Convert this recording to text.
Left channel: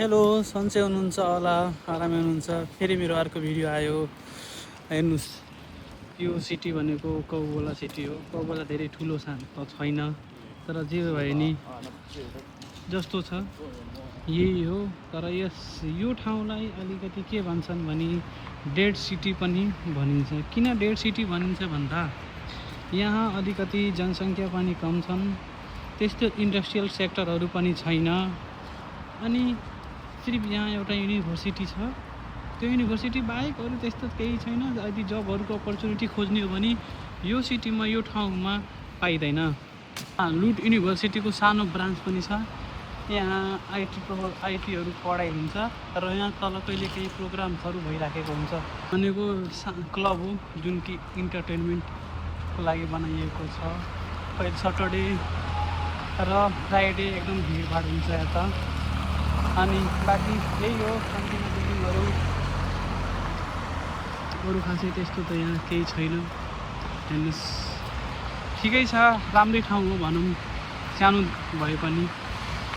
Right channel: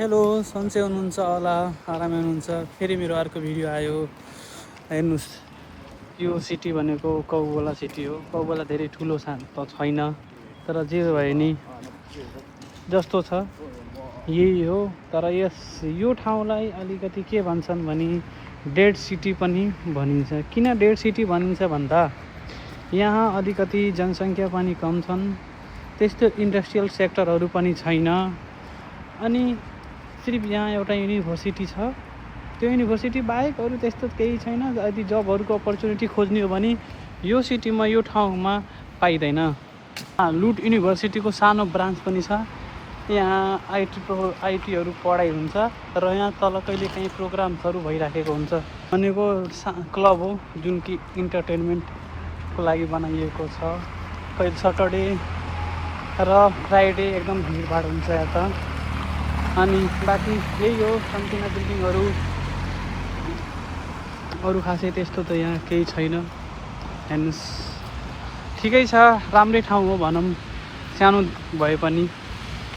Hello, सन्चै हुनुहुन्छ होला, आरामै हुनुहुन्छ। फेरि मेरो अर्को भिडियो आयो। हेर्नुहोस्, यो सिटी भनेको कौबला सिटी हो। कौबला धेरै ठुलो त छैन, तर जे भए नि जस्तो छ यही हो। तर यो ठाउँलाई अलिकति के भन्छन् भने डेड सिटी पनि भनिन्छ। किन डेड सिटी भनिन्छ भन्दा यहाँ अलिकति जनसङ्ख्या पनि कम छन्, त्यस्तो इन्डस्ट्रियल सेक्टरहरू पनि छैन। अनि सिर्फ यहाँ एउटा युनिभर्सिटी छ, त्यो युनिभर्सिटी बाहेक अरू त्यस्तो केही छैन। यदि जबहरूको अपर्च्युनिटी खोज्ने हो भने यो सिटीमा, यो ठाउँमा पाइँदैन। लुट युनिभर्सिटीको सानो ब्रान्च पनि छ। यहाँ आइटीहरू पढाइ हुन्छ र यहाँ तल कहिले काहीँ प्रोग्राम्सहरू भइराखेको हुन्छ। भनेको क्लब हो जुन कि इन्टरटेनमेन्टको लागि बनाइएको छ। सटरडे र फ्राइडे एकदम भिडभाड हुन्छ यहाँ त। अनि बाँकी यही हो, कम्तीमा बिल्डिङहरू, अरू खासै त्यस्तो त यहाँ केही छैन। हेर्नुहोस्, ठिकै छ, राम्रै ठाउँ हो भनौँ, सानो भए पनि।